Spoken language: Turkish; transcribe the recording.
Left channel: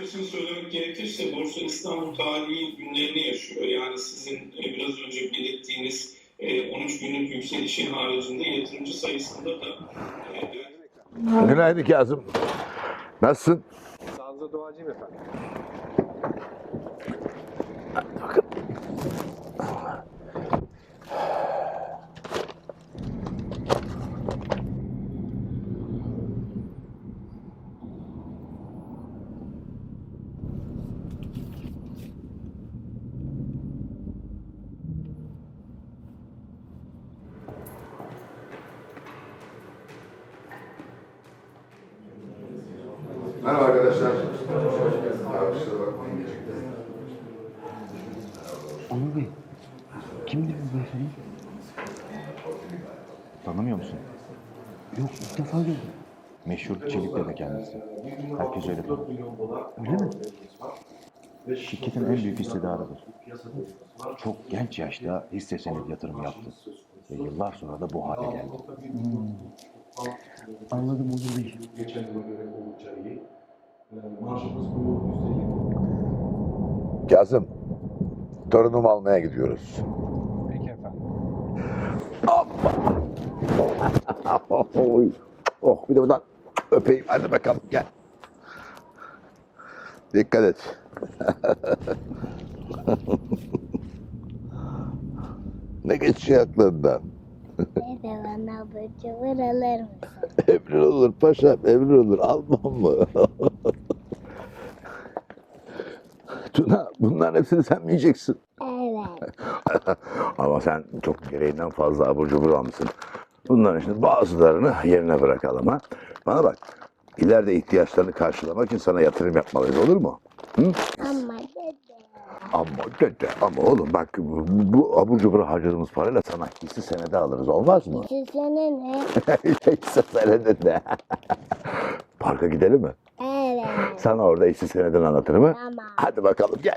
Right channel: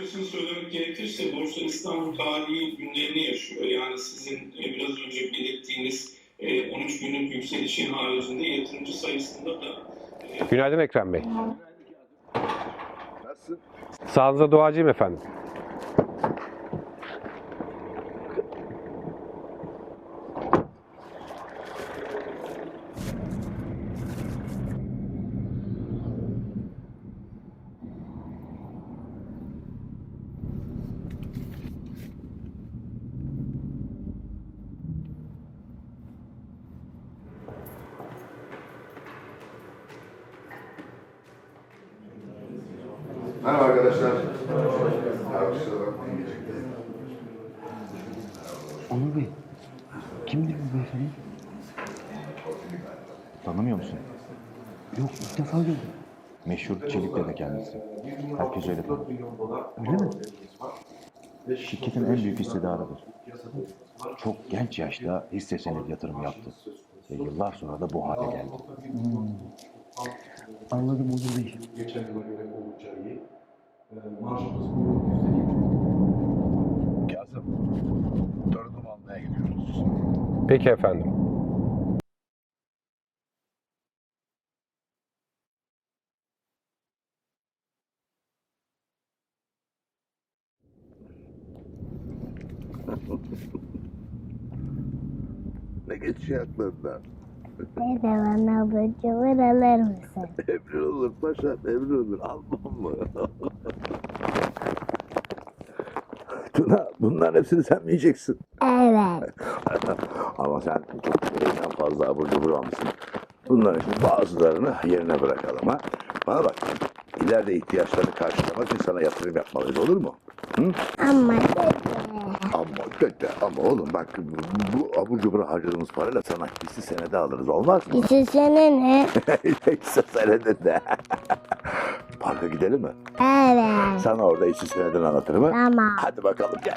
Açıkçası söylemek gerekirse Borsa İstanbul tarihi günlerini yaşıyor. Yani sizin e, biraz önce belirttiğiniz e, 13 günlük yükselişin haricinde yatırımcı sayısında da e, Günaydın Ekrem Bey. Günaydın Kazım. Nasılsın? Sağlığınıza duacıyım efendim. Merhaba arkadaşlar. Abi kusura bakmayın geciktim. Onur Bey, kimdir bu beyefendi? Tanımıyor musun? Yok, ilk defa gördüm. Meşhur Çelik Dede kendisi. Herkes öyle tanır. Öyle mi? Şirketin en büyük hissedarıdır. Çok genç yaşta hisse senedi yatırımı yaptı. Ve yıllar sonra da bu hale geldi. Anladım Onur Bey. Ee, Marjımız bu yüzde yirmi. Kazım, torunumu almaya gidiyoruz. Peki efendim. Oh bir de buradan öpeyim. Hadi bakalım gel. Dikkat et. ne geçiyor aklından? Ne abur cubur alır mısın? Emrin olur paşam, emrin olur. Almam mı? Tuna, bunların hepsini sen mi yiyeceksin? Evet. Ama sen çok gereğinden fazla abur cubur almışsın. Bunların şimdi bazılarını yerine bırakalım ha. Bana bak. İleride ihtiyaçlarını karşılamak için sana yatırım yapmalıyız olur mu? Hı? Ama. Ama dede, ama oğlum bak bu, bu abur cubur harcadığımız parayla sana hisse senedi alırız olmaz mı? İçişene ne? hisse senedi de. Parka gidelim mi? Evet. Sana orada hisse senedini anlatırım ha? Tamam. Hadi bakalım gel.